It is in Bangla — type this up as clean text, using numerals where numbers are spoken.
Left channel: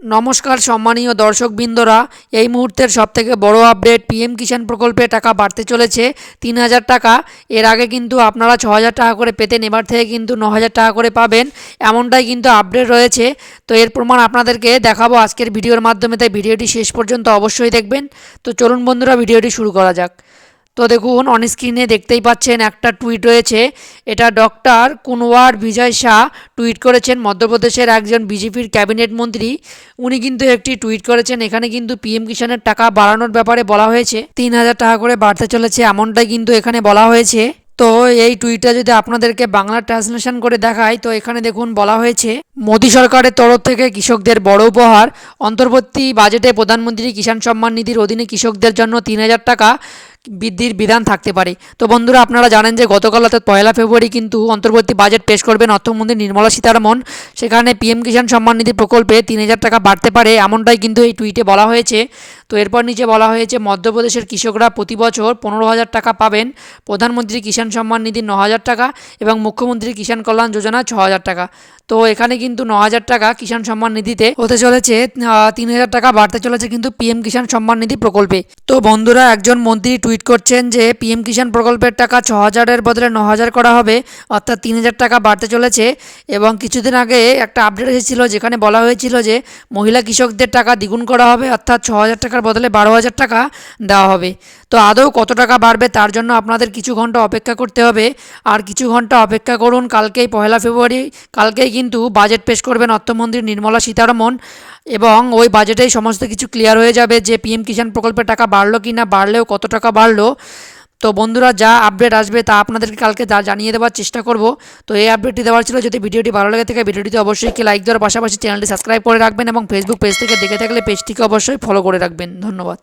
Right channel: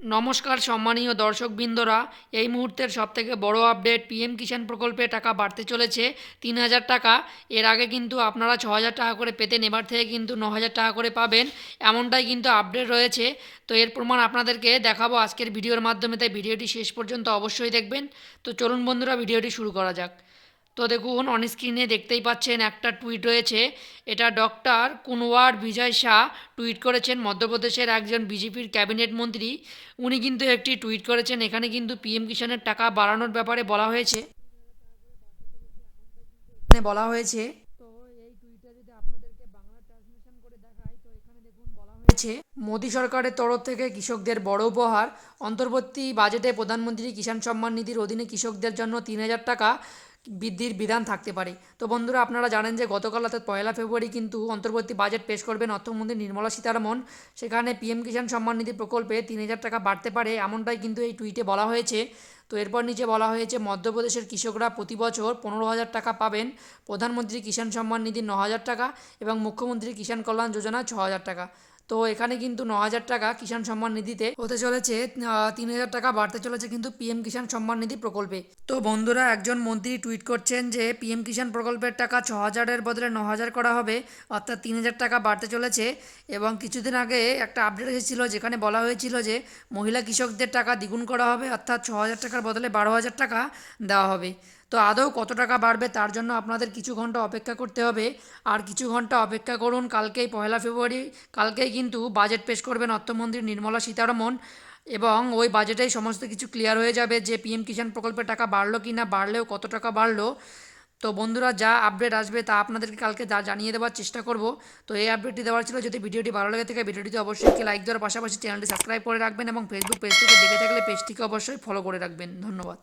নমস্কার সম্মানীয় দর্শকবৃন্দরা, এই মুহূর্তের সবথেকে বড় আপডেট, পিএম কিষাণ প্রকল্পে টাকা বাড়তে চলেছে ৩,০০০ টাকা। এর আগে কিন্তু আপনারা ৬,০০০ টাকা করে পেতেন, এবার থেকে কিন্তু ৯,০০০ টাকা করে পাবেন, এমনটাই কিন্তু আপডেট রয়েছে। তো এর প্রমাণ আপনাদেরকে দেখাবো আজকের ভিডিওর মাধ্যমে, তাই ভিডিওটি শেষ পর্যন্ত অবশ্যই দেখবেন। তো চলুন বন্ধুরা, ভিডিওটি শুরু করা যাক। তো দেখুন, অন স্ক্রিনে দেখতেই পাচ্ছেন একটা টুইট রয়েছে। এটা ডক্টর কুনওয়ার বিজয় শাহ টুইট করেছেন, মধ্যপ্রদেশের একজন বিজেপির ক্যাবিনেট মন্ত্রী। উনি কিন্তু একটি টুইট করেছেন, এখানে কিন্তু পিএম কিষাণের টাকা বাড়ানোর ব্যাপারে বলা হয়েছে, ৩,০০০ টাকা করে বাড়তে চলেছে, এমনটাই কিন্তু এখানে বলা হয়েছে। তো এই টুইটটা যদি আপনাদেরকে বাংলা ট্রান্সলেশন করে দেখায়, তো এখানে দেখুন বলা হয়েছে, মোদী সরকারের তরফ থেকে কৃষকদের বড় উপহার, অন্তর্বর্তী বাজেটে প্রধানমন্ত্রী কিষাণ সম্মান নিধির অধীনে কৃষকদের জন্য ৩,০০০ টাকা বৃদ্ধির বিধান থাকতে পারে। তো বন্ধুরা, আপনারা জানেন যে গতকাল অর্থাৎ ১লা ফেব্রুয়ারি কিন্তু অন্তর্বর্তী বাজেট পেশ করবেন অর্থমন্ত্রী নির্মলা সীতারমণ। সেখানে পিএম কিষাণ সম্মান নিধি প্রকল্পে ৩,০০০ টাকা বাড়তে পারে, এমনটাই কিন্তু এই টুইটে বলা হয়েছে। তো এরপর নিচে বলা হয়েছে, মধ্যপ্রদেশের কৃষকরা প্রতি বছর ১৫,০০০ টাকা পাবেন, প্রধানমন্ত্রী কিষাণ সম্মান নিধি ৯,০০০ টাকা এবং মুখ্যমন্ত্রী কিষাণ কল্যাণ যোজনা ৬,০০০ টাকা। তো এখানে কিন্তু ৯,০০০ টাকা কিষাণ সম্মান নিধিতে হতে চলেছে, ৩,০০০ টাকা বাড়তে চলেছে কিন্তু পিএম কিষাণ সম্মান নিধি প্রকল্পে। তো বন্ধুরা, একজন মন্ত্রী টুইট করছেন যে পিএম কিষাণ প্রকল্পের টাকা ৬,০০০-এর বদলে ৯,০০০ করা হবে, অর্থাৎ ৩,০০০ টাকা বাড়তে চলেছে। এবং কিছুদিন আগে একটা আপডেট এসেছিল, যেখানে বলা হয়েছিল যে মহিলা কৃষকদের টাকা দ্বিগুণ করা হবে, অর্থাৎ ৬,০০০ টাকার বদলে ১২,০০০ টাকা দেওয়া হবে। তো আদৌ কত টাকা বাড়বে তার জন্য আপনাদের কিছু ঘন্টা অপেক্ষা করতে হবে। আর কিছু ঘন্টা অপেক্ষা করুন, কালকেই ১লা ফেব্রুয়ারি, কালকেই কিন্তু বাজেট পেশ করবেন অর্থমন্ত্রী নির্মলা সীতারমণ, এবং ওই বাজেটেই সমস্ত কিছু ক্লিয়ার হয়ে যাবে যে পিএম কিষাণ প্রকল্পের টাকা বাড়লো কি না, বাড়লেও কত টাকা বাড়লো। তো বন্ধুরা, যা আপডেট আসবে তা আপনাদেরকে কালকে জানিয়ে দেওয়ার চেষ্টা করব। তো এই আপডেটটি দেওয়ার ছিল। যদি ভিডিওটি ভালো লাগে থাকে, ভিডিওটিতে অবশ্যই একটি লাইক দেওয়ার পাশাপাশি চ্যানেলটি সাবস্ক্রাইব করে রাখবেন, এবং ফেসবুক পেজ থেকে দেখে থাকলে পেজটিকে অবশ্যই ফলো করে রাখবেন। ধন্যবাদ।